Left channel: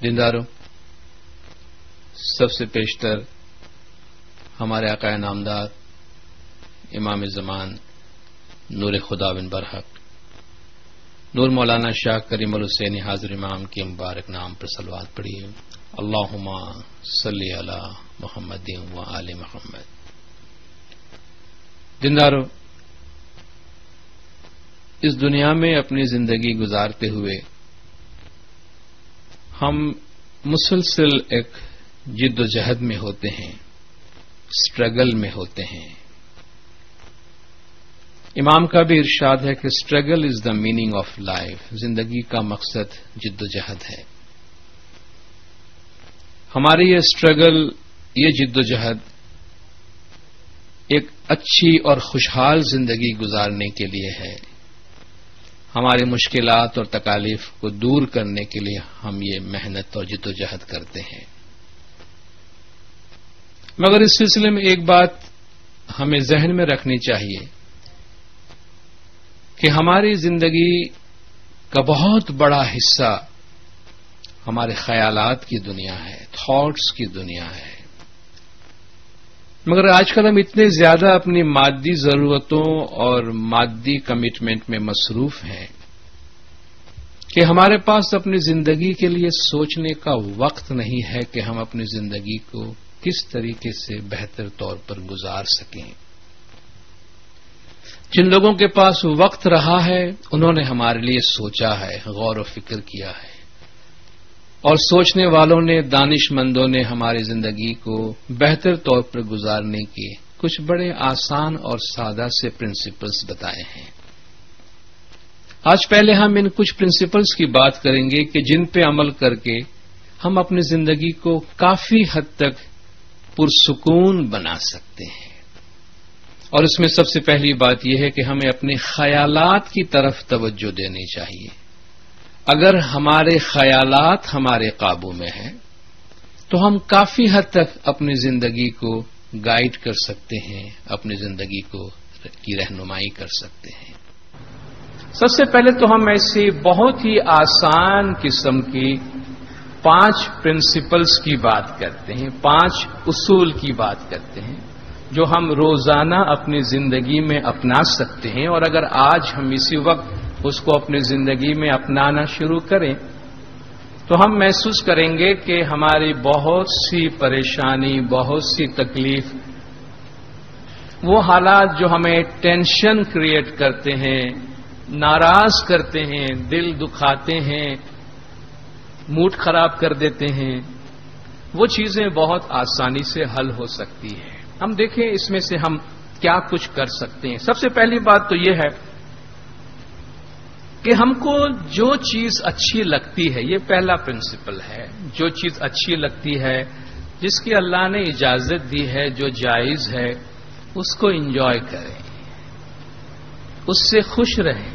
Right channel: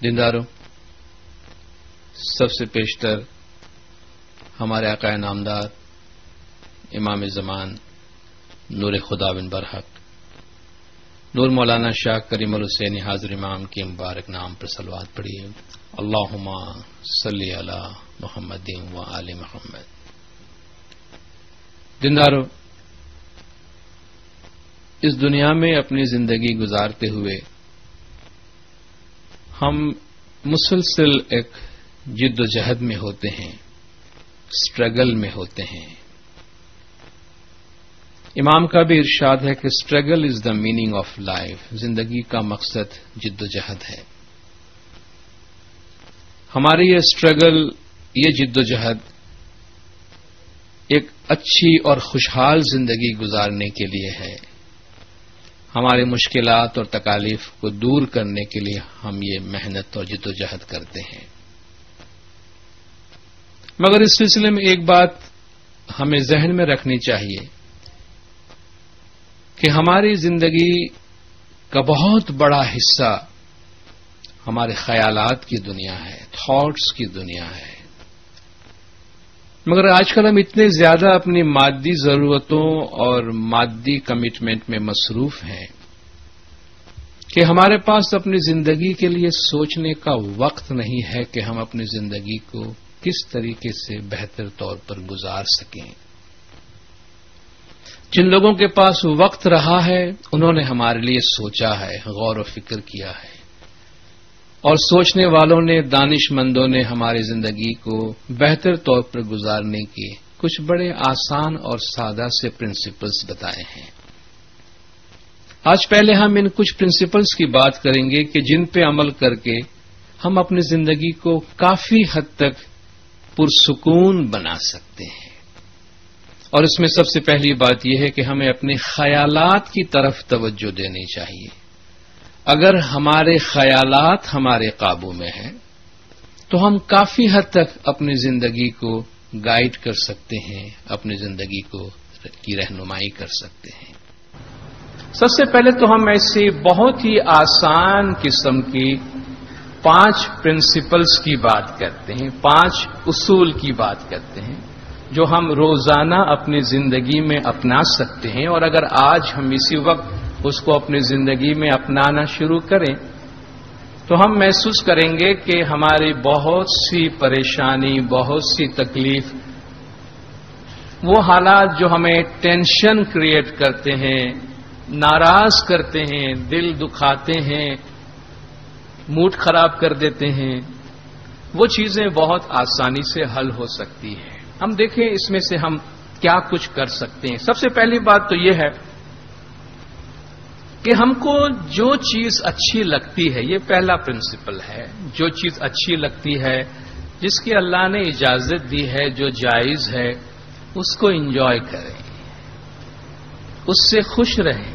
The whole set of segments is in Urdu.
دینداروں، سب سے پیشتر ہمارے آقا نامدار امام زمان نور خدا بن برحق نور مولانا شاہ کریم الحسینی حاضر امام کے مبارک نام پر صلوات پڑھیے۔ اللہم صلی علی محمد و آل محمد۔ دینداروں، اس دنیا میں اپنی زندگی گزارتے ہوئے ہم مسلسل ایک جد و جہد میں ہوتے ہیں، اسٹرگل میں ہوتے ہیں۔ امام کا بھی ارشاد ہے کہ struggle is the meaning of life, زندگی کا مقصد جد و جہد ہے۔ ہماری یہ اسٹرگل، یہ جد و جہد ایک اچھی اور خوشحال زندگی گزارنے کے لیے ہے۔ ہماری مشکلات اور تکالیف کو دور کرنے کے لیے ہم یہ محنت اور جد و جہد کرتے ہیں۔ مگر اس سلسلے میں ایک بات ہمیں ذہن میں رکھنی چاہیے کہ ہماری زندگی کا بہت بڑا حصہ ہمارے خیالات کی دنیا ہے، تھاٹس کی دنیا ہے۔ مگر آج کل ہم اتنے زیادہ اپنی مادی ضرورتوں اور مادی کمٹمنٹ میں مصروف ہیں کہ ہمارے پاس اپنی زندگی کے لیے سوچنے کا وقت نہیں ہے کہ ہم اپنی زندگی کو کس طریقے سے بہتر طور پر گزار سکیں۔ جن لوگوں کے پاس وقت رہا ہے انہوں نے ہمارے لیے سوچا ہے، غور و فکر کیا ہے، اور سوچنے والوں نے، دانش مندوں نے ہماری زندگی کو بہتر طور پر گزارنے کے کچھ بڑے آسان اور سادہ سے پرنسپلز بتائے ہیں۔ آج پہلے ہم ان کچھ پرنسپلز کی بات کریں گے کہ جن پہ عمل کر کے ہم اپنی زندگی کو کافی حد تک پرسکون بنا سکتے ہیں۔ اور اس میں سب سے پہلی بات یہ ہے کہ ہمیں اپنے خیالات کی طرف توجہ دینی چاہیے۔ اگر ہمارے خیالات ہمارے قابو میں ہیں تو ہم کافی حد تک اپنی زندگی کو گائیڈ کر سکتے ہیں، اپنی زندگی کی رہنمائی کر سکتے ہیں۔ سب سے پہلے تو ہم ایسی بہت ہی آسان قسم کی 5 پرنسپلز کی بات کرتے ہیں، 5 اصول کی بات کرتے ہیں جو ہم روزانہ اپنی زندگی میں اپنا سکتے ہیں، اور اگر آج ہم اسی وقت اس کو اپنی زندگی میں اپنانا شروع کریں تو ہم محسوس کریں گے کہ ہماری بہت سی پریشانی، بہت سی تکلیف، وہ حالات جو ہمیں ٹینشن کریٹ کرتے ہیں، ناراض کرتے ہیں، دل دکھاتے ہیں، موڈ خراب کر دیتے ہیں، وہ چیزیں بہت آسانی سے حل ہو سکتی ہیں۔ ہم دیکھیں اس میں سے ہم کیا کچھ کر سکتے ہیں۔ سب سے پہلی بات تو یہ ہے کہ ہم کو جو چیز اچھی لگتی ہے، یہ پہلا پرنسپل ہے، جو چیز اچھی لگتی ہے، جس کی اللہ نے اجازت دی ہے، جو جائز ہے، اس کو انجوائے کریں، اس سے خوش رہیں۔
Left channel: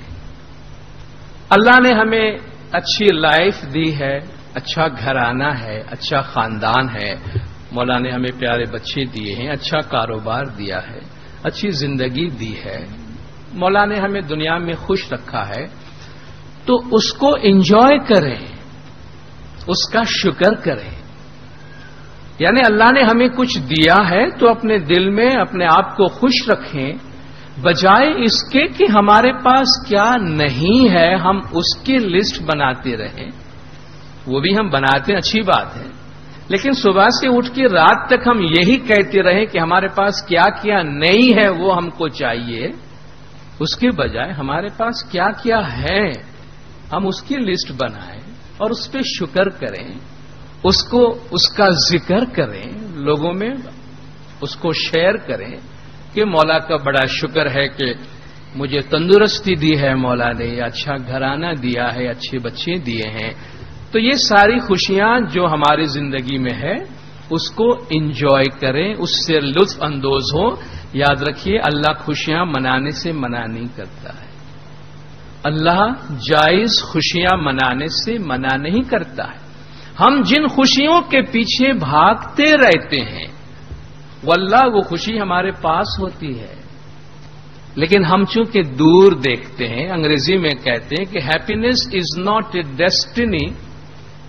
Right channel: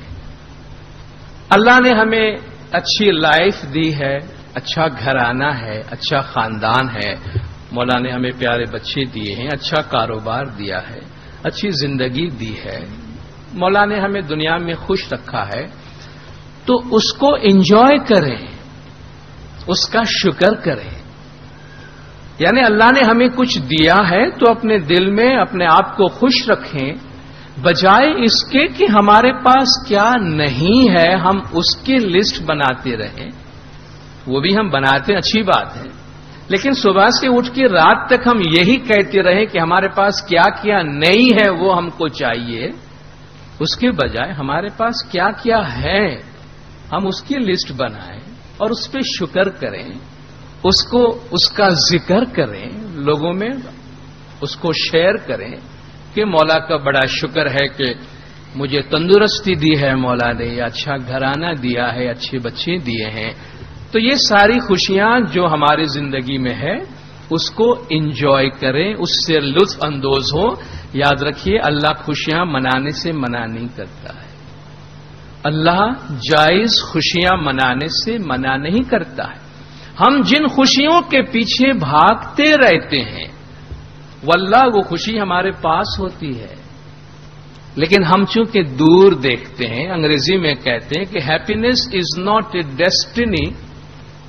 اللہ نے ہمیں اچھی لائف دی ہے، اچھا گھرانہ ہے، اچھا خاندان ہے، مولا نے ہمیں پیارے بچے دیے ہیں، اچھا کاروبار دیا ہے، اچھی زندگی دی ہے، مولا نے ہمیں دنیا میں خوش رکھا ہے، تو اس کو انجوائے کریں، اس کا شکر کریں۔ یعنی اللہ نے ہمیں کچھ دیا ہے تو اپنے دل میں اپنے آپ کو خوش رکھیں، بجائے اس کے کہ ہمارے پاس کیا نہیں ہے ہم اس کی لسٹ بناتے رہیں۔ وہ بھی ہم بناتے ہیں، اچھی بات ہے، لیکن صبح سے اٹھ کے رات تک ہم یہی کہتے رہیں کہ ہمارے پاس کیا کیا نہیں ہے وہ ہم کو چاہیے، اس کے بجائے ہمارے پاس کیا کیا ہے ہم اس کی لسٹ بنائیں اور اس پہ شکر کریں، اس کا ذکر کریں، لوگوں میں اس کو شیئر کریں کہ مولا کا بڑا شکر ہے کہ مجھے تندرستی دی ہے مولا نے، اچھا گھرانہ دیا ہے، اچھے بچے دیے ہیں۔ تو یہ ساری خوشیاں جو ہماری زندگی میں ہے اس کو انجوائے کریں، اس سے لطف اندوز ہو۔ یاد رکھیے اللہ خوشیاں منانے سے منع نہیں کرتا ہے، اللہ جائز خوشیاں منانے سے منع نہیں کرتا ہے۔ ہم جن خوشیوں کے پیچھے بھاگتے رہتے ہیں واللہ وہ خوشی ہمارے پاس ہوتی ہے، لیکن ہم چونکہ دور دیکھتے ہیں۔ انگریزی میں کہتے ہیں کہ happiness is not a destiny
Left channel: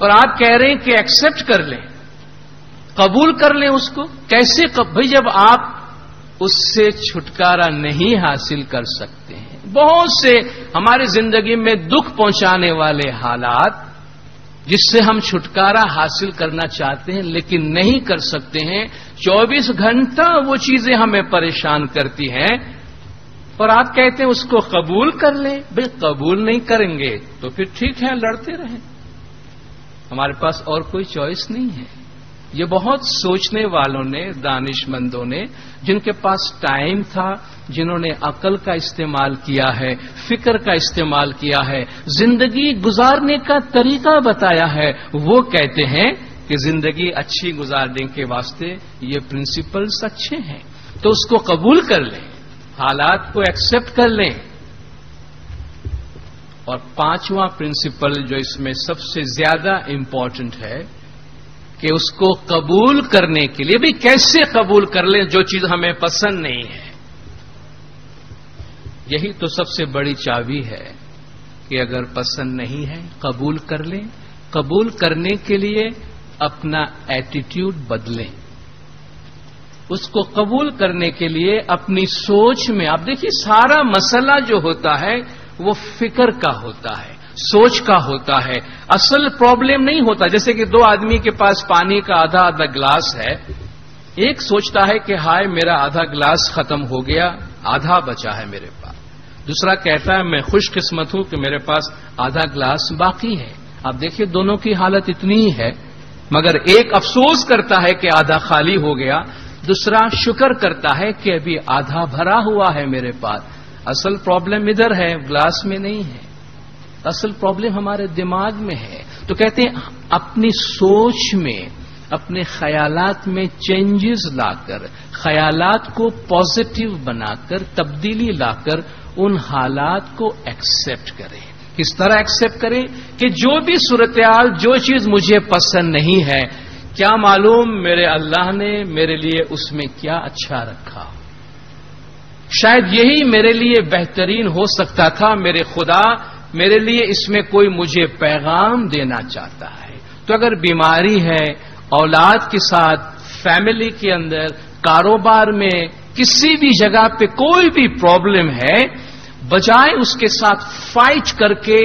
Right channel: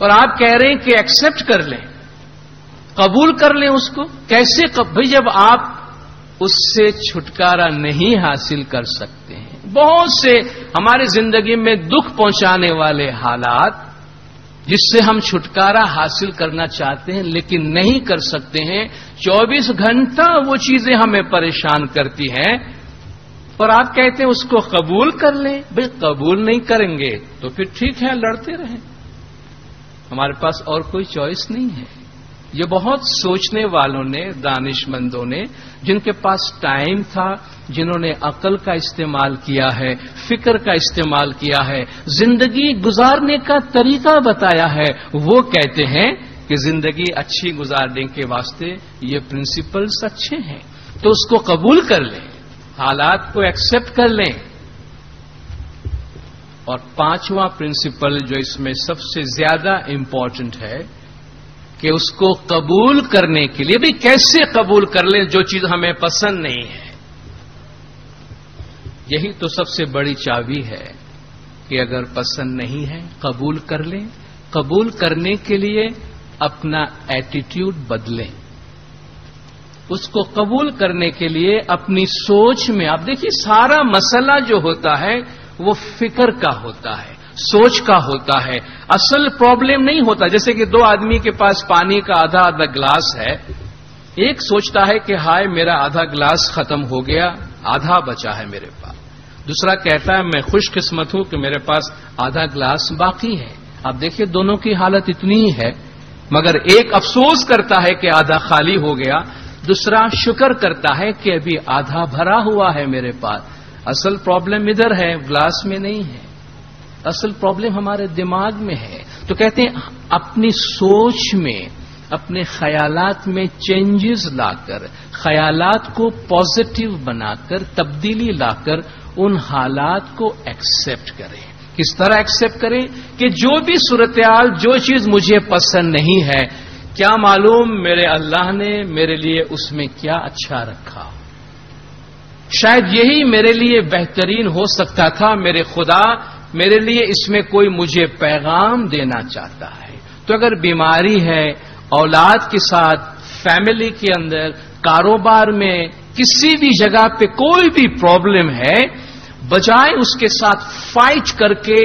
اور آپ کہہ رہے ہیں کہ ایکسپٹ کر لیں، قبول کر لیں اس کو. کیسے بھئی جب آپ اس سے چھٹکارا نہیں حاصل کر سکتے ہیں. بہت سے ہماری زندگی میں دکھ پہنچانے والے حالات جس سے ہم چھٹکارا حاصل کرنا چاہتے ہیں لیکن نہیں کر سکتے ہیں. 24 گھنٹہ وہ چیزیں ہمیں پریشان کرتی ہیں اور آپ کہتے ہیں اس کو قبول کر لیں. بھئی قبول نہیں کریں گے تو پھر ٹھیک ہے، لڑتے رہیں، ہمارے پاس اور کوئی چوائس نہیں ہے. یہ بہت سوچنے والوں نے، دانش مندوں نے، جن کے پاس ٹائم تھا، جنہوں نے عقل کا استعمال کیا ہے، فکر کا استعمال کیا ہے، زندگی گزارنے کا طریقہ بتایا ہے، وہ کہتے ہیں کہ زندگی اچھی گزارنے کے واسطے یہ پرنسپلز اچھے ہیں تو اس کو قبول کر لیں، حالات کو ایکسپٹ کر لیں. اور 5واں پرنسپل جو اس میں سب سے زیادہ امپورٹنٹ ہے کہ اس کو قبول کرنے کے لیے بھی کیسے قبول کر لیں جو چیز ہمیں پسند نہیں ہے. یہی تو سب سے بڑی چابی ہے کہ اگر پسند نہیں ہے قبول کر لیں. قبول کرنے کے لیے اپنا ایٹیٹیوڈ بدلیں. اس کو قبول کرنے کے لیے اپنی سوچ میں، آپ دیکھیے سارا مسئلہ جو ہوتا ہے وہ فکر کا ہوتا ہے، سوچ کا ہوتا ہے. اصل پرابلم نہیں ہوتا. جیسے کہ 2 آدمی کے پاس پانی کا آدھا گلاس ہے، ایک سوچتا ہے کہ ہائے میرا آدھا گلاس ختم ہو گیا، آدھا بچا ہے میرے پاس. دوسرا کہتا ہے میں خوش قسمت ہوں کہ میرے پاس آدھا گلاس باقی ہے. آپ دیکھیے دونوں کی حالت اتنی ہی ہے، مگر ایک افسوس کرتا ہے کہ آدھا خالی ہو گیا، دوسرا شکر کرتا ہے کہ ابھی آدھا بھرا ہوا ہے میرے پاس. اصل پرابلم ادھر ہے، گلاس میں نہیں ہے. اصل پرابلم ہمارے دماغ میں ہے. تو کہتے ہیں اپنی سوچ میں، اپنے خیالات میں چینجز لا کر، خیالات کو پازیٹو بنا کر، تبدیلی لا کر ان حالات کو ایکسپٹ کریں. کس طرح ایکسپٹ کریں کہ جو بھی صورتحال، جو چیز مجھے پسند نہیں ہے، کیا معلوم میرے اللہ نے میرے لیے اس میں کیا اچھا رکھا. شاید یہی میرے لیے بہترین ہو سکتا تھا. میرے خدا میرے لیے اس میں کوئی مجھے پیغام دینا چاہتا ہے. تو اگر بیماری ہے، اولاد کے ساتھ، فیملی کے اندر، کاروبار میں، کسی بھی جگہ پہ کوئی بھی پرابلم ہے، بجائے اس کے ساتھ فائٹ کر کے،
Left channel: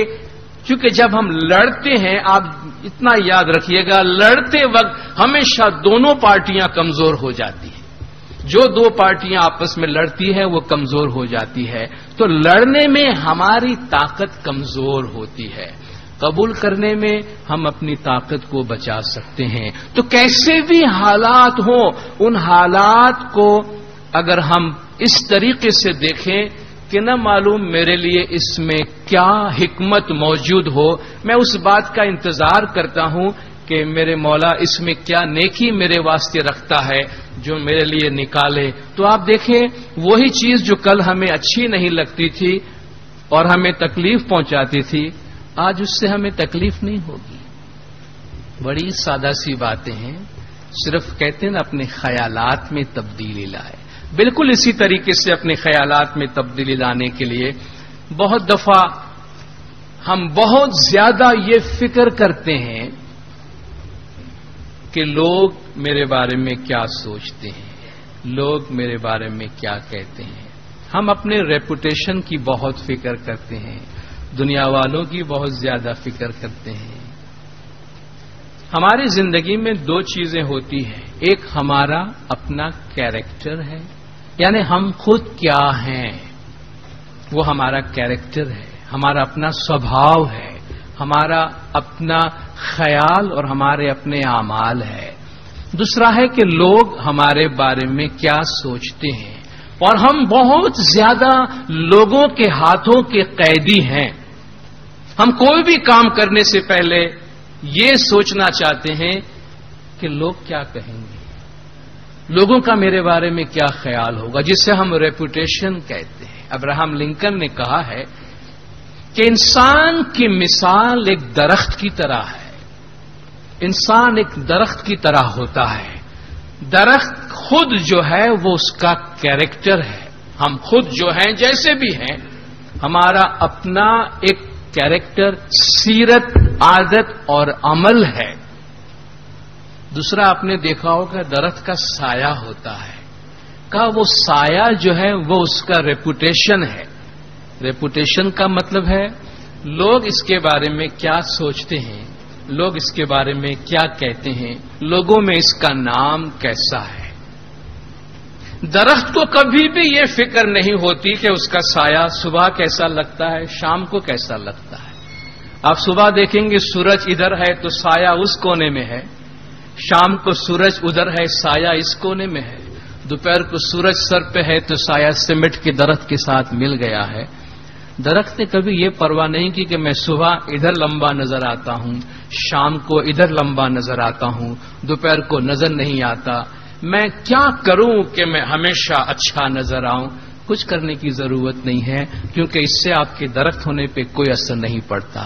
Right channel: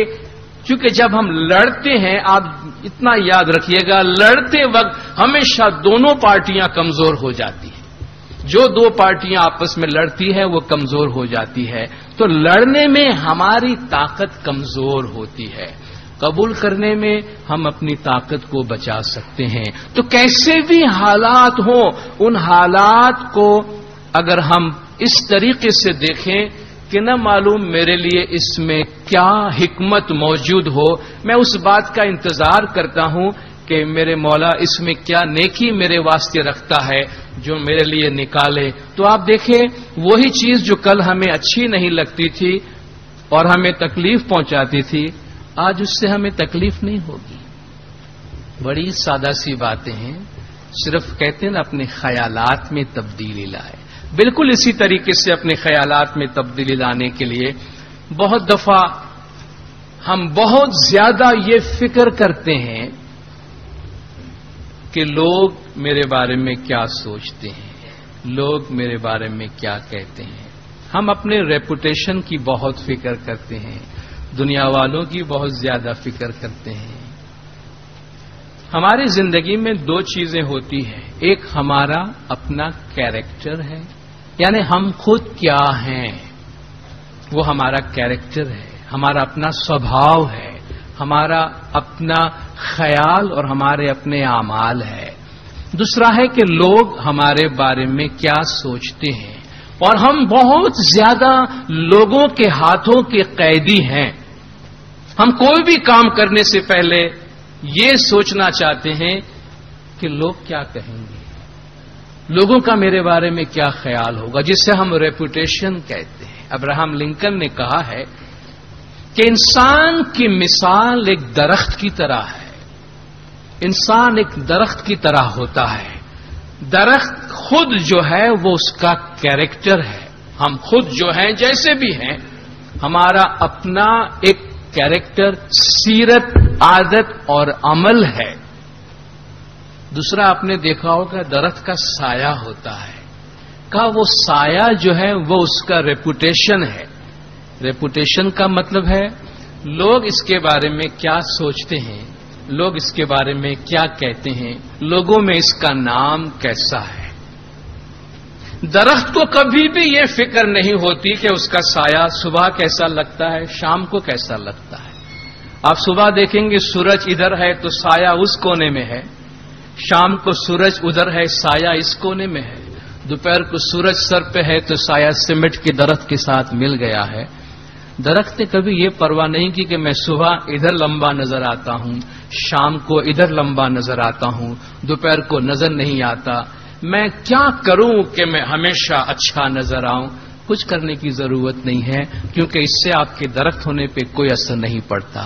کیونکہ جب ہم لڑتے ہیں، آپ اتنا یاد رکھیے گا، لڑتے وقت ہمیشہ دونوں پارٹیاں کمزور ہو جاتی ہیں. جو 2 پارٹیاں آپس میں لڑتی ہیں وہ کمزور ہو جاتی ہے. تو لڑنے میں ہماری طاقت کمزور ہوتی ہے، قبول کرنے میں ہم اپنی طاقت کو بچا سکتے ہیں. تو کیسے بھی حالات ہوں، ان حالات کو اگر ہم اس طریقے سے دیکھیں کہ نہ معلوم میرے لیے اس میں کیا حکمت موجود ہو، میں اس بات کا انتظار کرتا ہوں کہ میرے مولا اس میں کیا نیکی میرے واسطے رکھتا ہے جو میرے لیے نکالے. تو آپ دیکھیں وہی چیز جو کل ہمیں اچھی نہیں لگتی تھی اور ہمیں تکلیف پہنچاتی تھی، آج اس سے ہمیں تکلیف نہیں ہوگی. بڑی سادہ سی باتیں ہیں، صرف کہتے ہیں نا اپنے خیالات میں تبدیلی لائے. بالکل اسی طریقے سے اپنے خیالات میں تبدیلی لانے کے لیے بہت دفعہ ہم بہت زیادہ یہ فکر کرتے ہیں کہ لوگ میرے بارے میں کیا سوچتے ہیں، لوگ میرے بارے میں کیا کہتے ہیں. ہم اپنے ریپوٹیشن کی بہت فکر کرتے ہیں، دنیا والوں کی بہت زیادہ فکر کرتے ہیں. ہماری زندگی میں 2 چیزیں ہوتی ہیں. ایک ہمارا اپنا کیریکٹر ہے، یعنی ہم خود کیا ہیں، وہ ہمارا کیریکٹر ہے، ہمارا اپنا سوبھاؤ ہے، ہمارا اپنا خیال اور ہمارے اپنے اعمال ہے. دوسرا ہے کہ لوگ ہمارے بارے میں کیا سوچتے ہیں، اور ہم بہت زیادہ لوگوں کے ہاتھوں کے قیدی ہیں. ہم کوئی بھی کام کرنے سے پہلے یہ سوچنا چاہتے ہیں کہ لوگ کیا کہیں گے، لوگوں کا میرے بارے میں کیا خیال ہوگا، جس سے ہم ریپوٹیشن کہتے ہیں. ابراہم لنکن نے کہا ہے کہ انسان کی مثال ایک درخت کی طرح ہے. انسان ایک درخت کی طرح ہوتا ہے. درخت خود جو ہے وہ اس کا کیریکٹر ہے. ہم خود جو ہیں جیسے بھی ہیں، ہمارا اپنا ایک کیریکٹر، سیرت عادت اور عمل ہے. دوسرا آپ نے دیکھا ہوگا درخت کا سایہ ہوتا ہے. کا وہ سایہ جو ہے وہ اس کا ریپوٹیشن ہے. ریپوٹیشن کا مطلب ہے لوگ اس کے بارے میں کیا سوچتے ہیں, لوگ اس کے بارے میں کیا کہتے ہیں, لوگوں میں اس کا نام کیسا ہے. درخت کو کبھی بھی یہ فکر نہیں ہوتی کہ اس کا سایہ صبح کیسا لگتا ہے, شام کو کیسا لگتا ہے. آپ صبح دیکھیں گے سورج ادھر ہے تو سایہ اس کونے میں ہے, شام کو سورج ادھر ہے سایہ اس کونے میں ہے, دوپہر کو سورج سر پہ ہے تو سایہ سیمنٹ کے درخت کے ساتھ مل گیا ہے. درخت نے کبھی یہ پرواہ نہیں کی کہ میں صبح ادھر لمبا نظر آتا ہوں, شام کو ادھر لمبا نظر آتا ہوں, دوپہر کو نظر نہیں آتا. میں کیا کروں کہ میں ہمیشہ اچھا نظر آؤں. کچھ کرنے کی ضرورت نہیں ہے, کیونکہ اس سے آپ کے درخت ہونے پہ کوئی اثر نہیں پڑتا.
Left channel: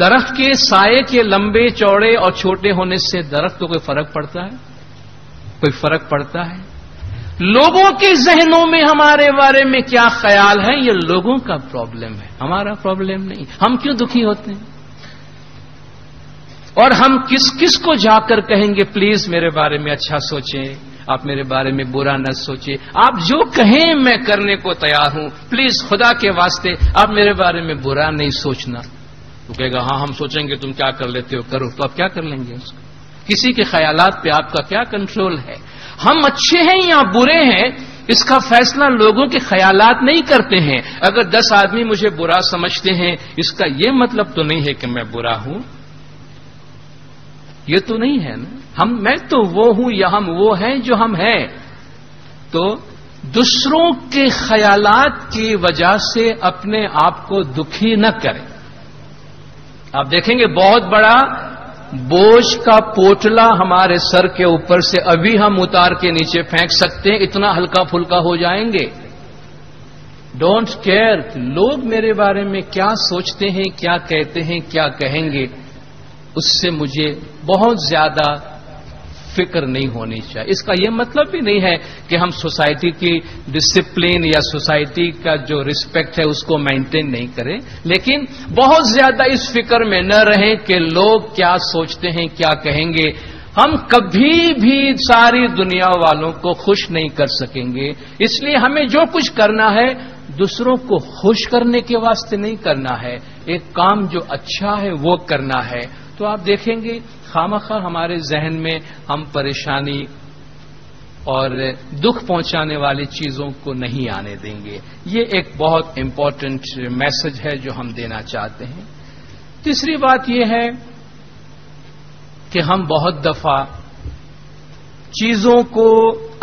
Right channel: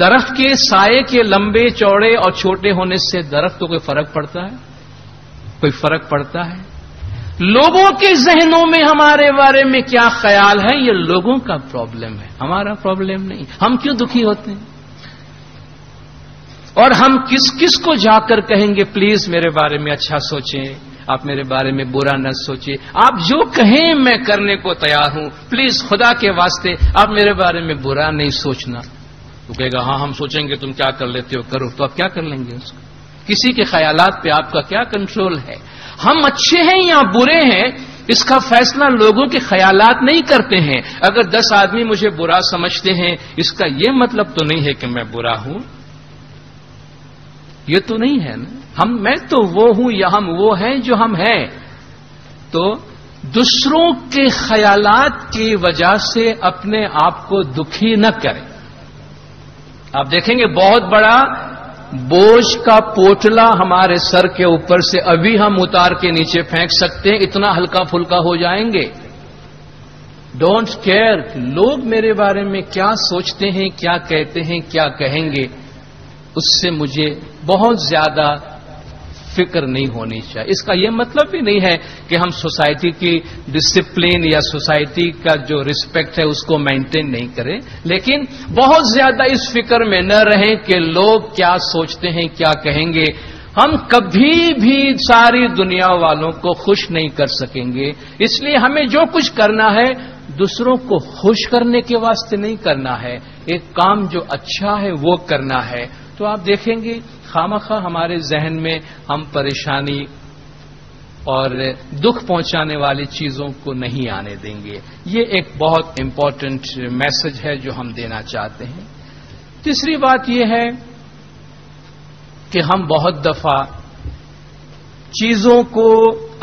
درخت کے سائے کے لمبے چوڑے اور چھوٹے ہونے سے درخت کو کوئی فرق پڑتا ہے؟ کوئی فرق پڑتا ہے؟ لوگوں کے ذہنوں میں ہمارے بارے میں کیا خیال ہے یہ لوگوں کا پرابلم ہے, ہمارا پرابلم نہیں. ہم کیوں دکھی ہوتے ہیں اور ہم کس کس کو جا کر کہیں گے پلیز میرے بارے میں اچھا سوچیں, آپ میرے بارے میں برا نہ سوچیں, آپ جو کہیں میں کرنے کو تیار ہوں, پلیز خدا کے واسطے آپ میرے بارے میں برا نہیں سوچنا. تو کہے گا ہاں ہم سوچیں گے تم کیا کر لیتے ہو کرو. تو آپ کیا کر لیں گے اس کو؟ کسی کے خیالات پہ آپ کا کیا کنٹرول ہے؟ ہم اچھے ہیں یا برے ہیں اس کا فیصلہ لوگوں کے خیالات نہیں کرتے ہیں. اگر 10 آدمی مجھے برا سمجھتے ہیں اس کا یہ مطلب تو نہیں ہے کہ میں برا ہوں, یہ تو نہیں ہے نا. میں تو وہ ہوں یا ہم وہ ہیں جو ہم ہیں. تو دوسروں کے خیالات کی وجہ سے اپنے آپ کو دکھی نہ کریں. آپ دیکھیں گے بہت بڑا بوجھ کا پوٹلا ہمارے سر کے اوپر سے ابھی ہم اتار کے نیچے پھینک سکتے ہیں, اتنا ہلکا پھلکا ہو جائیں گے. ڈونٹ کیئر لوگ میرے بارے میں کیا سوچتے ہیں, کیا کہتے ہیں, کیا کہیں گے, اس سے مجھے بہت زیادہ فکر نہیں ہونی چاہیے. اس کا یہ مطلب بھی نہیں ہے کہ ہم سوسائٹی کی ڈسپلن یا سوسائٹی کا جو رسپیکٹ ہے اس کو مینٹین نہیں کریں, لیکن بہت زیادہ اس فکر میں نہ رہیں کہ لوگ کیا سوچتے ہیں, کیا کہیں گے. ہم کبھی بھی ساری دنیا والوں کو خوش نہیں کر سکیں گے. اس لیے ہمیں جو کچھ کرنا ہے دوسروں کو خوش کرنے کے واسطے نہیں کرنا ہے, ایک کام جو اچھا ہے وہ کرنا ہے. تو آپ دیکھیں گے خامخواہ ہمارے ذہن میں ہم پریشانی اور دکھ پہنچانے والی چیزوں کو نہیں آنے دیں گے. یہ ایک بہت امپورٹنٹ میسج ہے جو ہم دینا چاہتے ہیں. تیسری بات یہ ہے کہ ہم بہت دفعہ چیزوں کو,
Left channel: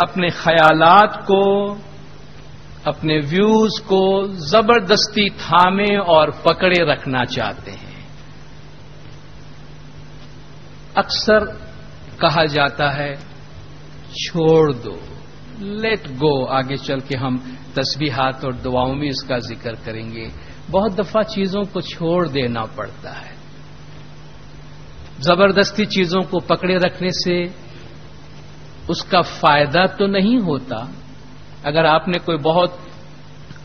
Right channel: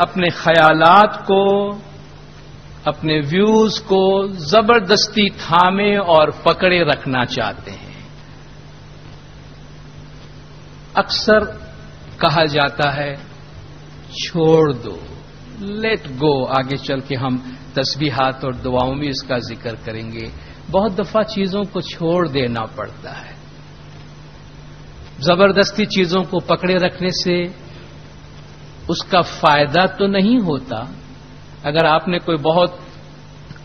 اپنے خیالات کو, اپنے ویوز کو زبردستی تھامے اور پکڑے رکھنا چاہتے ہیں. اکثر کہا جاتا ہے چھوڑ دو, لیٹ گو. آگے چل کے ہم تسبیحات اور دعاؤں میں اس کا ذکر کریں گے. بہت دفعہ چیزوں کو چھوڑ دینا پڑتا ہے. زبردستی چیزوں کو پکڑے رکھنے سے اس کا فائدہ تو نہیں ہوتا. اگر آپ نے کوئی بہت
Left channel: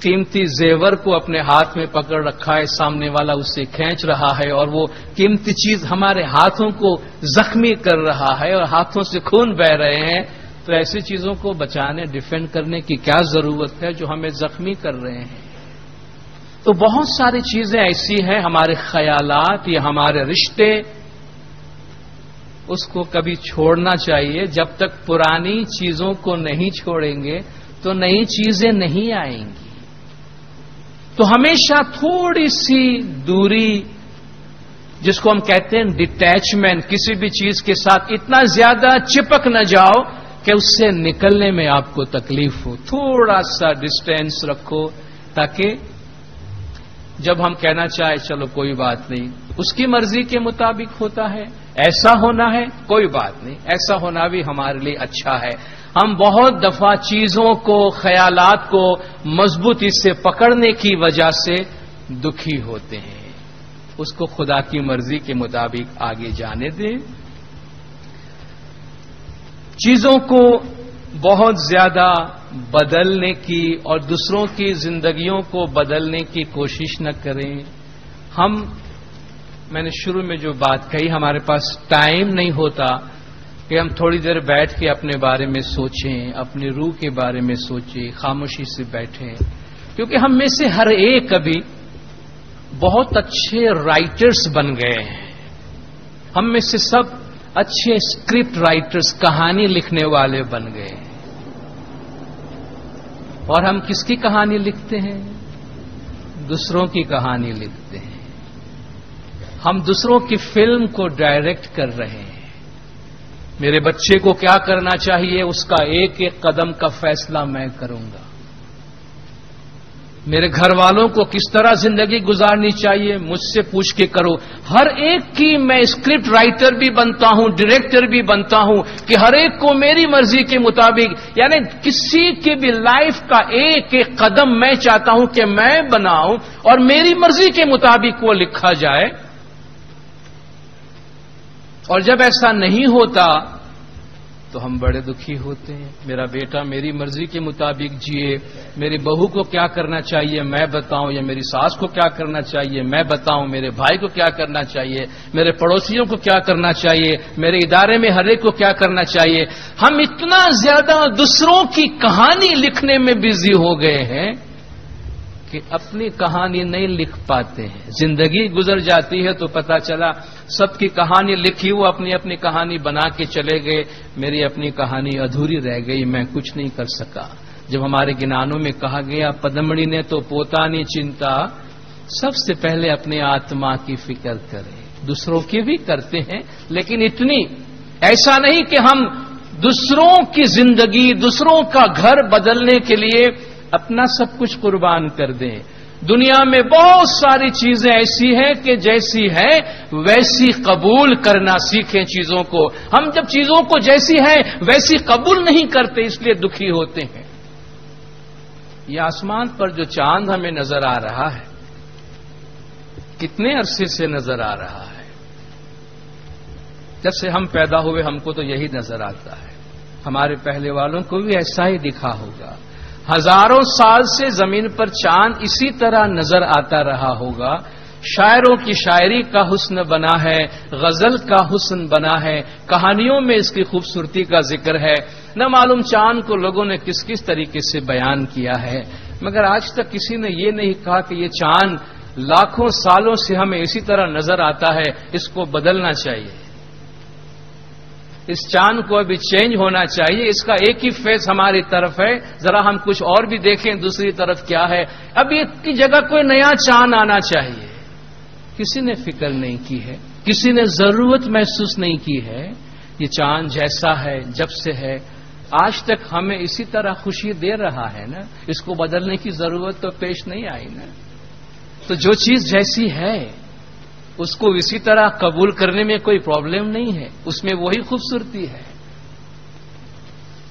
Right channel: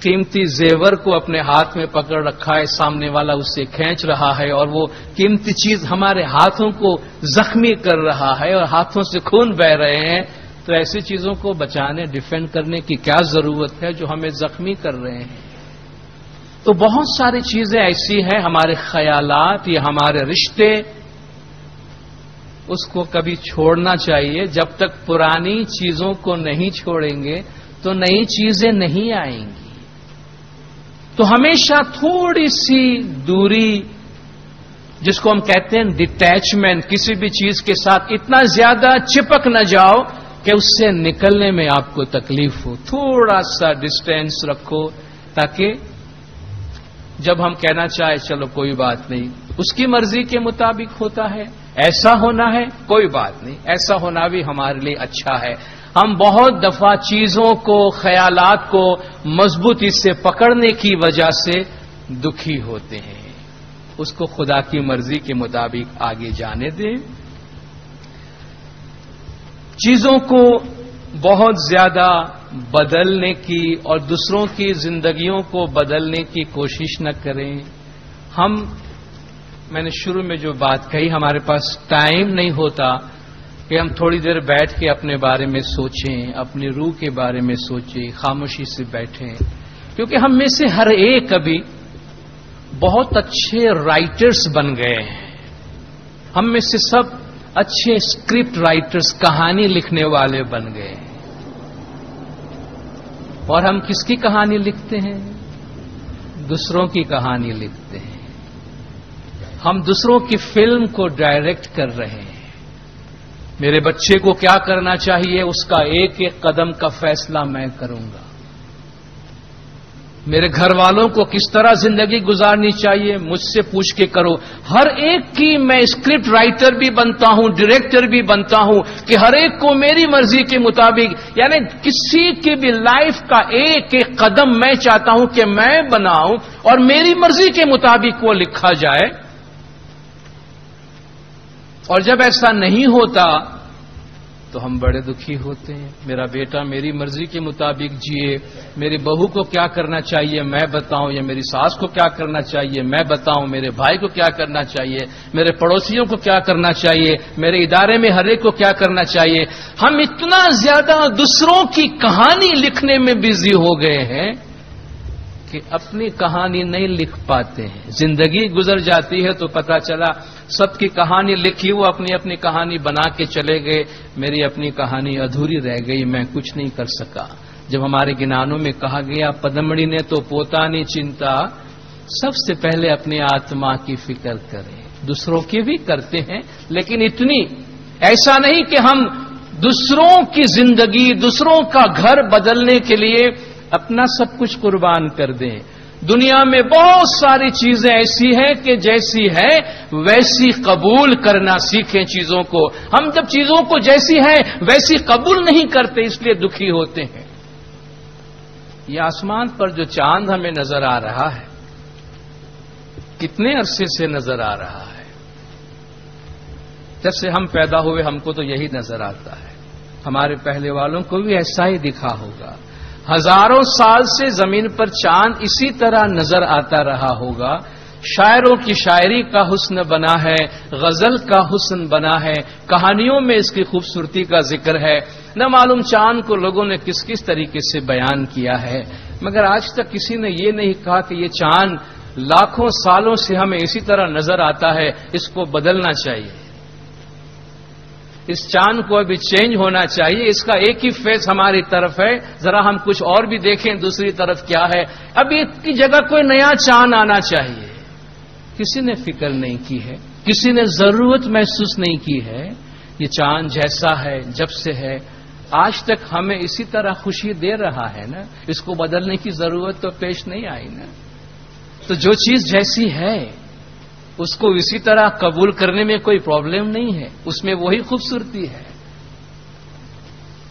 قیمتی زیور کو اپنے ہاتھ میں پکڑ رکھا ہے, سامنے والا اس سے کھینچ رہا ہے اور وہ قیمتی چیز ہمارے ہاتھوں کو زخمی کر رہا ہے اور ہاتھوں سے خون بہ رہے ہیں, تو ایسی چیزوں کو بچانے, ڈیفینڈ کرنے کی کیا ضرورت ہے جو ہمیں زخمی کر رہے ہیں. تو بہت ساری چیزیں ایسی ہیں, ہمارے خیالات یا ہمارے رشتے, اس کو کبھی چھوڑنا چاہیے. جب تک پرانی چیزوں کو نہیں چھوڑیں گے تو نئی چیزیں نہیں آئیں گی. تو ہمیشہ تھوڑی سی دوری, جس کو ہم کہتے ہیں ڈٹیچمنٹ, کسی بھی چیز کے ساتھ اتنا زیادہ چپک نہ جاؤ کہ اس سے نکلنے میں آپ کو تکلیف ہو. تھوڑا سا ڈسٹینس رکھو تاکہ جب ہم کہنا چاہے چلو کوئی بات نہیں, اس کی مرضی کے مطابق ہوتا ہے, ایسا ہونا ہے کوئی بات نہیں, ایسا ہونا بھی ہمارے لیے اچھا ہے. ہم بہت دفعہ چیزوں کو, خیالات کو مضبوطی سے پکڑنے کی وجہ سے دکھی ہوتے ہیں. اس کو خدا کی مرضی کے مطابق آگے جانے دیں. چیزوں کو بہت زیادہ بدلنے کی اور دوسروں کی زندگیوں کو بدلنے کی کوشش نہ کریں. ہم میں نے شروع میں جو بات کہی، ہمارے پاس ٹائم نہیں ہوتا کہ ہم تھوڑی دیر بیٹھ کے اپنے بارے میں سوچیں، اپنی روح کے بارے میں سوچیں، خاموشی سے بیٹھیں، کیونکہ ہم میں سے ہر ایک ابھی بہت اچھے رائٹرز بن گئے ہیں. ہم میں سے سب اچھے اسکرپٹ رائٹرز، کہانی لکھنے والے بن گئے ہیں. اور ہم کس کی کہانی لکھتے ہیں؟ دوسروں کی کہانی لکھتے ہیں. ہم دوسروں کی فلم کو ڈائریکٹ کر رہے ہیں. میرے بچے کو کیا کرنا چاہیے، اس کا ایک ایک قدم کا فیصلہ میں کروں گا. میرے گھر والوں کو کس طرح زندگی گزارنی چاہیے، مجھ سے پوچھ کے کرو. ہر ایک کی میں اسکرپٹ رائٹر بھی بنتا ہوں، ڈائریکٹر بھی بنتا ہوں کہ ہر ایک کو میری مرضی کے مطابق، یعنی کسی کی بھی لائف کا ایک ایک قدم میں چاہتا ہوں کہ میں بناؤں اور میری مرضی کے مطابق وہ لکھا جائے. اور جب ایسا نہیں ہوتا تو ہم بڑے دکھی ہوتے ہیں. میرا بیٹا میری مرضی کے مطابق جیے، میری بہو کو کیا کرنا چاہیے میں بتاؤں، یا میری ساس کو کیا کرنا چاہیے میں بتاؤں، میرے بھائی کو کیا کرنا چاہیے، میرے پڑوسیوں کو کیا کرنا چاہیے، میرے ادارے میں ہر ایک کو کیا کرنا چاہیے. ہم اتنا زیادہ دوسروں کی کہانی لکھنے میں بزی ہو گئے ہیں کہ اپنی کہانی نہیں لکھ پاتے ہیں. زندگی گزر جاتی ہے تو پتہ چلا سب کی کہانی لکھی، وہ اپنی اپنی کہانی بنا کے چلے گئے، میری اپنی کہانی ادھوری رہ گئی، میں کچھ نہیں کر سکا. جب ہمارے گنانوں میں کہا گیا پدمڑی نے تو پوتا نہیں چنتا، سب سے پہلے اپنے آتما کی فکر کریں. دوسروں کی بھی کرتے ہیں لیکن اتنی ایسا نہیں کہ ہم دوسروں کی زندگی، دوسروں کا گھر بدلنے کے لیے اپنا سب کچھ قربان کر دیں. دنیا میں بہت ساری چیزیں ایسی ہیں کہ جیسی ہے ویسی قبول کرنا سیکھیں چیزوں کو. ہم جب چیزوں کو جیسی ہے ویسی قبول نہیں کرتے، اس لیے دکھی ہوتے ہیں. یہ آسمان پر جو چاند ہمیں نظر آ رہا ہے، کتنے عرصے سے نظر آ رہا ہے؟ جب سے ہم پیدا ہوئے ہم کو تو یہی نظر آتا ہے. ہمارے پہلے والوں کو بھی ایسا ہی دکھا ہوگا. ہزاروں سال سے زمین پر چاند اسی طرح نظر آتا رہا ہوگا. شاعروں کی شاعری کا حسن بنا ہے، غزل کا حسن بنا ہے، کہانیوں میں اس کی خوبصورتی کا ذکر ہے. نہ معلوم چاند کو لوگوں نے کس کس طریقے سے بیان کیا ہے، مگر آج تک کسی نے یہ نہیں کہا کہ یہ چاند لاکھوں سالوں سے ہمیں اسی طرح نظر آتا ہے، اس کو بدلنا چاہیے، اس چاند کو ابھی چینج ہونا چاہیے. اس کا ایک ہی فیس ہماری طرف ہے، ذرا ہم کچھ اور بھی دیکھیں دوسری طرف کیا ہے. اب اس کی جگہ کوئی نیا چاند آنا چاہیے. کسی نے فکر نہیں کی ہے، کسی نے ضرورت محسوس نہیں کی ہے. یہ چاند جیسا ہے جب سے ہے آج تک ہمیں اسی طرح خوشی دے رہا ہے نا، اس کو بدلنے کی ضرورت تو پیش نہیں آئی نا. تو جو چیز جیسی ہے اس کو اسی طرح قبول کرنے میں کوئی پرابلم نہیں ہے، اس میں وہی خوبصورتی ہے.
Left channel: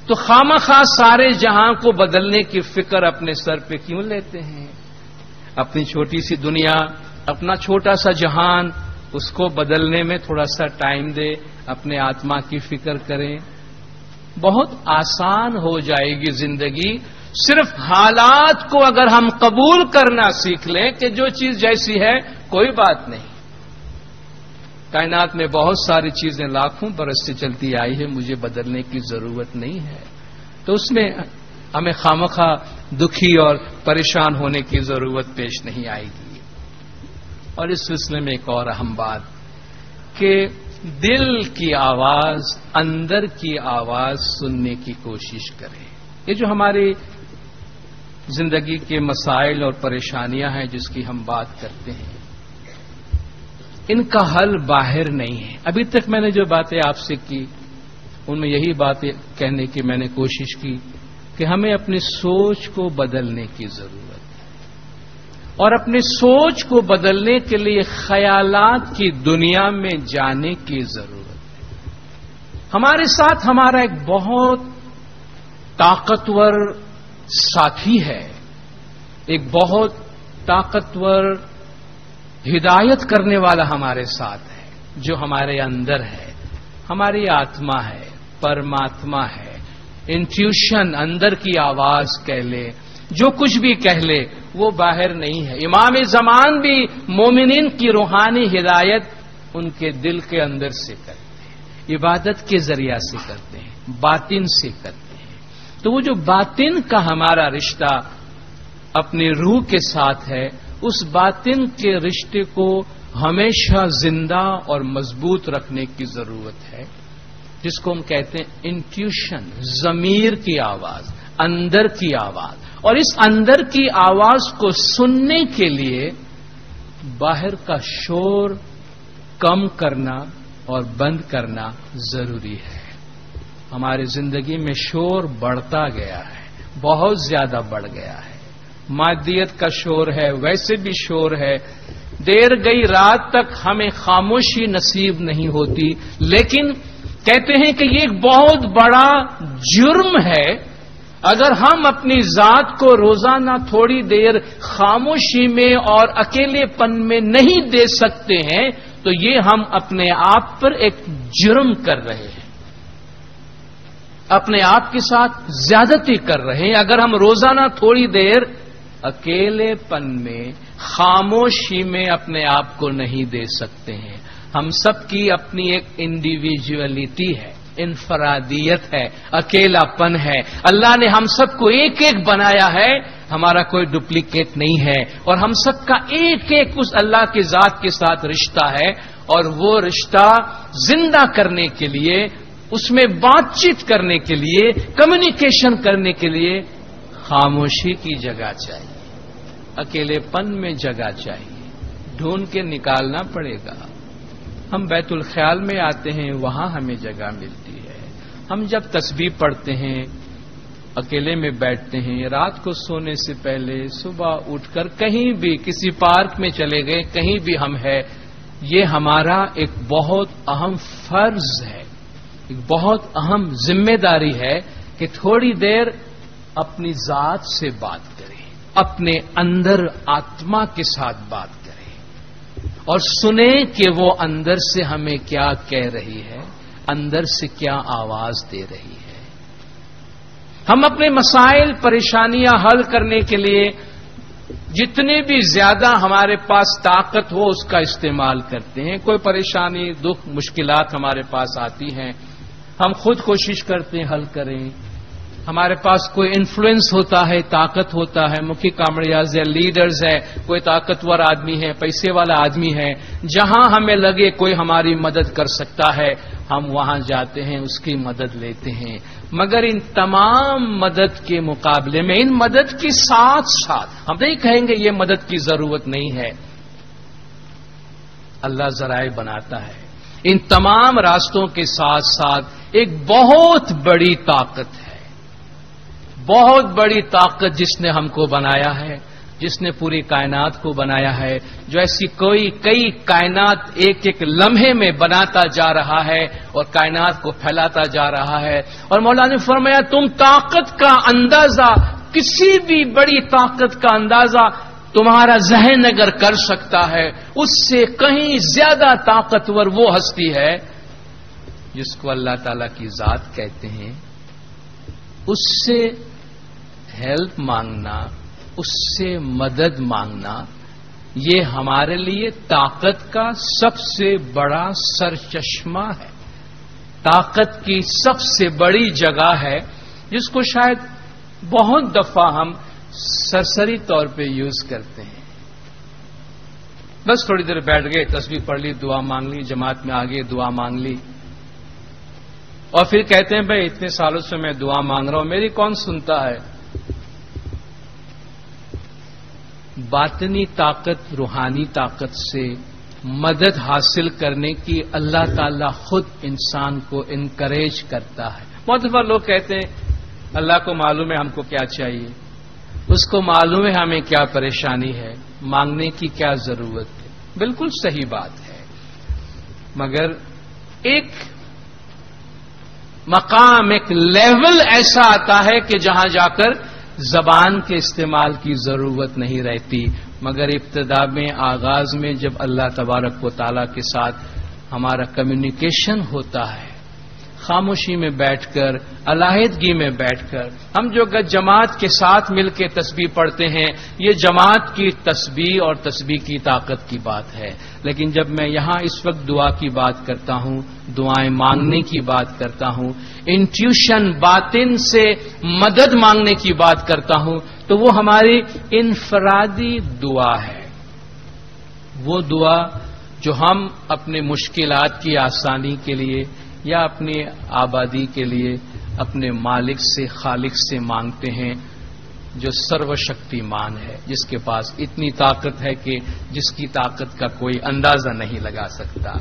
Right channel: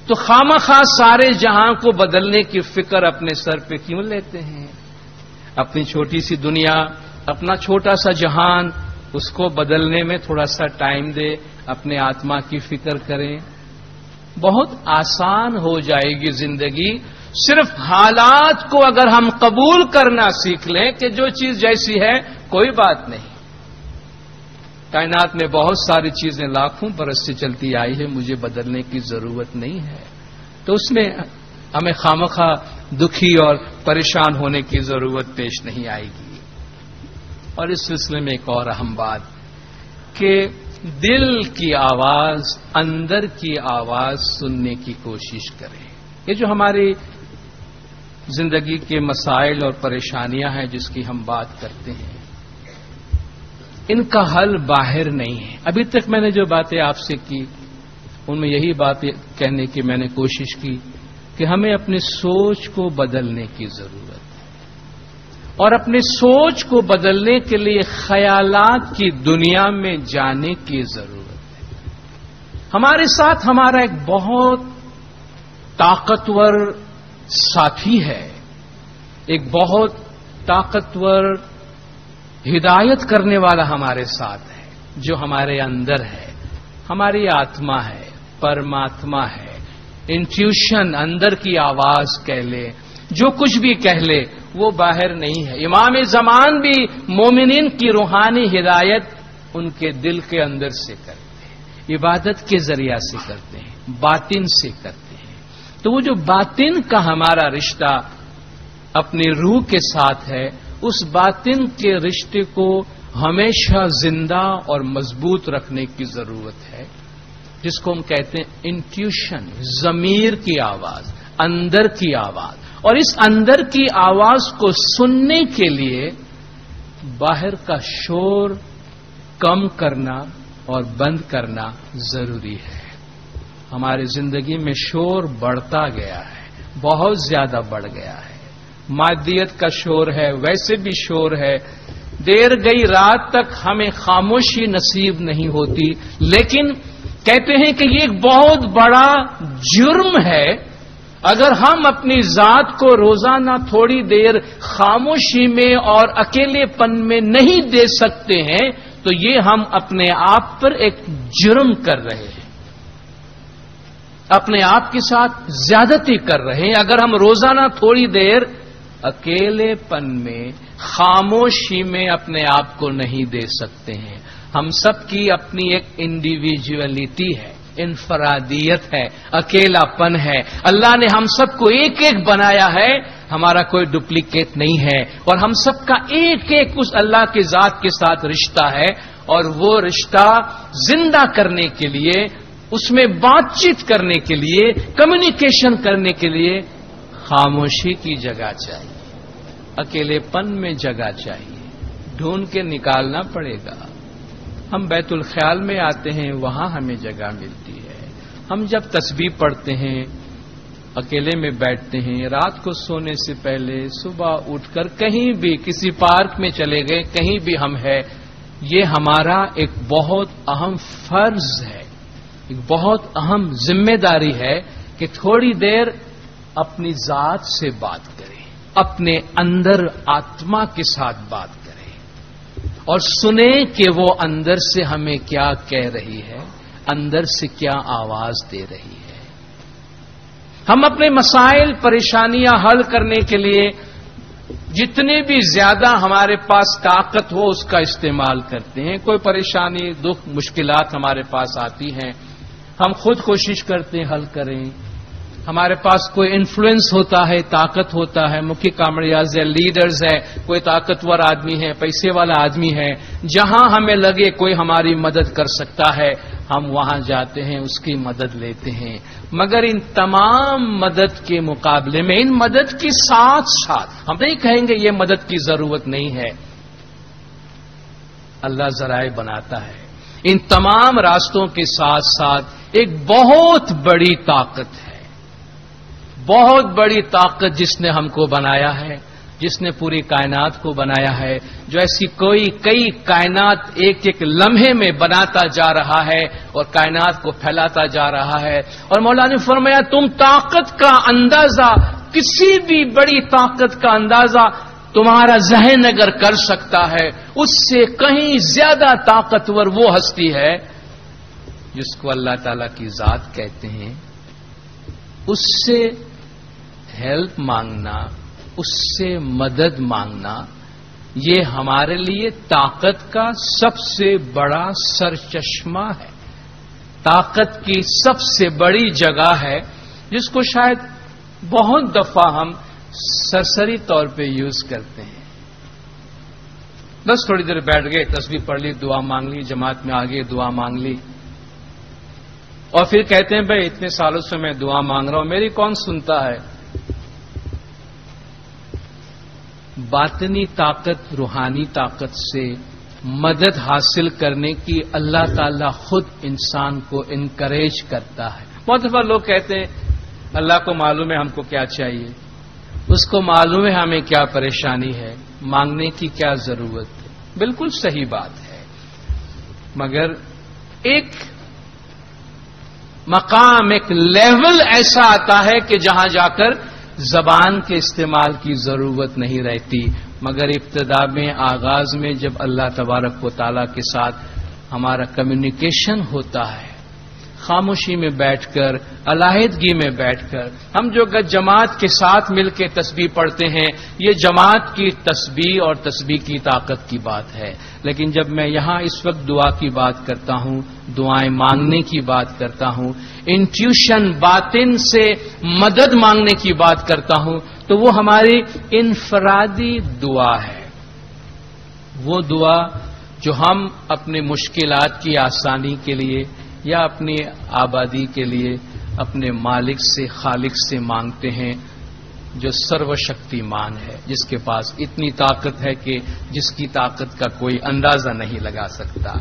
تو خامخواہ سارے جہاں کو بدلنے کی فکر اپنے سر پہ کیوں لیتے ہیں؟ اپنی چھوٹی سی دنیا، اپنا چھوٹا سا جہان، اس کو بدلنے میں تھوڑا سا ٹائم دے، اپنے آتما کی فکر کریں. بہت آسان ہو جائے گی زندگی. صرف حالات کو اگر ہم قبول کرنا سیکھ لیں کہ جو چیز جیسی ہے کوئی بات نہیں. کائنات میں بہت ساری چیزیں لاکھوں برس سے چلتی آئی ہے، مجھے بدلنے کی ضرورت نہیں ہے. تو اس میں ہمیں خامخواہ دکھی اور پریشان ہونے کی ضرورت پیش نہیں آئے گی. اور اس سلسلے میں ایک اور اہم بات کہ دل کی آواز، اندر کی آواز سننے کی کوشش کریں. یہ جو ہماری زندگی کے مسائل اور پریشانیاں ہیں جس کی ہم بات کرتے ہیں، ان کا حل باہر نہیں ہے. ابھی تک میں نے جو باتیں آپ سے کی ان میں یہی باتیں کہنے کی میں نے کوشش کی کہ ہمیں اپنی سوچ کو بدلنے کی ضرورت ہے، اور اپنی سوچ کو بدلنے کے لیے خیالات کی دنیا میں جانے کی ضرورت ہے. ہمارے ساتھ ہمارا ایک بہت طاقتور ساتھی ہے، ایک بہت طاقتور ہدایت کرنے والا ہمارے ساتھ ہے، جو ہمارے اندر ہے، ہماری آتما ہے، پرماتما ہے. انٹیوشن، اندر کی آواز کہہ لے، جو کچھ بھی کہہ لے، وہ باہر نہیں ہے. امام زمان بھی مومنین کی روحانی ہدایت ان کے دل کے اندر سے کرتے ہیں, عبادت کے ذریعہ سے کرتے ہیں, باطن سے کرتے ہیں. تو وہ جو باطن کا ہمارا رشتہ اپنی روح کے ساتھ ہے, اس باطن کے رشتے کو ہمیشہ زندہ اور مضبوط رکھنے کی ضرورت ہے, جس کو ہم کہتے ہیں انٹیوشن, ضمیر کی آواز, اندر کی آواز. اور اس اندر کی آواز کو سننے کے لیے باہر کا شور کم کرنا اور بند کرنا ضروری ہے. ہماری زندگی میں شور بڑھتا گیا ہے, بہت زیادہ بڑھ گیا ہے. مادیت کا شور ہے, ویسے بھی شور ہے. دیر گئی رات تک ہمیں خاموشی نصیب نہیں ہوتی, لیکن کہتے ہیں کہ یہ ایک بہت بڑا جرم ہے اگر ہم اپنی ذات کو روزانہ تھوڑی دیر خاموشی میں اور اکیلے پن میں نہیں دے سکتے ہیں, تو یہ ہم اپنے آپ پر ایک جرم کر رہے ہیں, اپنے آپ کے ساتھ زیادتی کر رہے ہیں. اگر ہم روزانہ تھوڑی دیر اکیلے پن میں خاموشی میں اپنے آپ کو نہیں دے سکتے ہیں. ہم سب کی اپنی ایک انڈیویجولیٹی ہے, انفرادیت ہے, اکیلا پن ہے. اللہ نے ہم سب کو ایک ایک بنایا ہے, ہمارا کوئی ڈپلیکیٹ نہیں ہے, اور ہم سب کا ایک ایک اس اللہ کی ذات کے ساتھ رشتہ ہے. اور وہ رشتہ زندہ کرنے کے لیے, اس میں بات چیت کرنے کے لیے, کمیونیکیشن کرنے کے لیے خاموشی کی جگہ چاہیے, اکیلے پن میں جگہ چاہیے, ڈھونڈ کے نکالنا پڑے گا. ہم بیت الخیال میں آتے ہیں, وہاں ہمیں جگہ ملتی ہے. ہم جب تسبیح پڑھتے ہیں, اکیلے میں بیٹھتے ہیں, رات کو سونے سے پہلے صبح اٹھ کر کہیں بھی کسی پارک میں چلے گئے, کہیں بھی ہم ہیں, یہ ہمارا ایک بہت اہم فرض ہے, ایک بہت اہم ذمہ داری ہے کہ تھوڑی دیر اپنی ذات سے بات کریں, اپنے اندر آتما کے ساتھ بات کریں, اور سنیں کہ وہ اندر سے ہمیں کیا کہہ رہی ہے, اندر سے کیا آواز دے رہی ہے. ہم اپنے مسائل, پریشانیاں حل کرنے کے لیے جتنی بھی زیادہ ہمارے پاس طاقت ہو اس کا استعمال کرتے ہیں. کوئی پریشانی, دکھ, مشکلات ہمارے پاس آتی ہیں, ہم خود کوشش کرتے ہیں حل کریں. ہمارے پاس کوئی انفلوئنس ہوتا ہے, طاقت ہوتا ہے, مکھی کامڑیاز ہے, لیڈرز ہے, کوئی طاقتور آدمی ہے, پیسے والا آدمی ہے, جہاں ہمیں لگے کوئی ہماری مدد کر سکتا ہے, ہم وہاں جاتے ہیں, اس کی مدد لیتے ہیں. مگر ان تمام مدد کے مقابلے میں, ان مدد کے ساتھ ساتھ ہم نہیں کہیں گے یہ مدد کی ضرورت نہیں ہے, اللہ ذرائع بناتا ہے. ان تمام راستوں کے ساتھ ساتھ ایک بہت بڑی طاقت ہے, بہت بڑی طاقت جس نے ہم کو بنایا ہے, جس نے پوری کائنات کو بنایا ہے, جو ایسی کئی کائنات ایک ایک لمحے میں بناتا جا رہا ہے اور کائنات کو پھیلاتا جا رہا ہے. اور مولا نے فرمایا تم طاقت کا اندازہ, کسی بھی بڑی طاقت کا اندازہ تمہارا ذہن اگر کر سکتا ہے, اس سے کہیں زیادہ طاقتور وہ ہستی ہے جس کو اللہ تعالی کی ذات کہتے ہیں. اس سے ہیلپ مانگنا, اس سے مدد مانگنا, یہ ہمارے لیے طاقت کا سب سے بڑا سرچشمہ ہے, طاقت کی سب سے بڑی جگہ ہے, جس کو شاید بہت دفعہ ہم سرسری طور پہ یوز کرتے ہیں. بس تھوڑی دیر بیٹھ گئے, تسبیح پڑھ لی, دعا مانگ لی, جماعت میں آگے دعا مانگ لی, اور پھر کہتے ہیں بھائی اتنے سالوں سے میں دعا مانگ رہا ہوں, میری کون سنتا ہے. باطنی طاقت, روحانی طاقت سے مدد حاصل کرنے کی اللہ تعالیٰ خود انسان کو انکریج کرتا ہے. بہت دفعہ لوگ کہتے ہیں اللہ کو معلوم ہے ہم کو کیا چاہیے, اس کو معلوم ہے ہمیں کیا پریشانی ہے, مانگنے کی کیا ضرورت ہے. بالکل صحیح بات ہے, مگر ایک مقام, ایک لیول ایسا آتا ہے کہ جہاں جا کر زبان کے استعمال کی ضرورت نہیں رہتی. مگر ابتدا میں, آغاز میں جب اللہ تبارک و تعالیٰ کے ساتھ ہمارا کمیونیکیشن ہوتا ہے, خاموشی میں بیٹھ کر، علیحدگی میں بیٹھ کر، ہم جو جماعت کے ساتھ مل کے تسبیح پڑھتے ہیں، یہ جماعت کی تسبیح اور تسبیح کی طاقت کی بات ہے. لیکن جب میں یہاں اس وقت دعا کی بات کرتا ہوں، دعائیں مانگنے کی بات کرتا ہوں، انٹیوشن باطن سے مدد مانگنے کی بات کرتا ہوں، تو وہ ہماری انفرادی دعا ہے. وہ دعا جو ہم اپنے مشکلات کی آسانی کے لیے یا اپنی آبادی کے لیے اپنے مالک سے، خالق سے مانگتے ہیں، جو سرو شکتیمان ہے، جس کے پاس اتنی طاقت ہے کہ جس کی طاقت کا کوئی اندازہ نہیں لگا سکتا.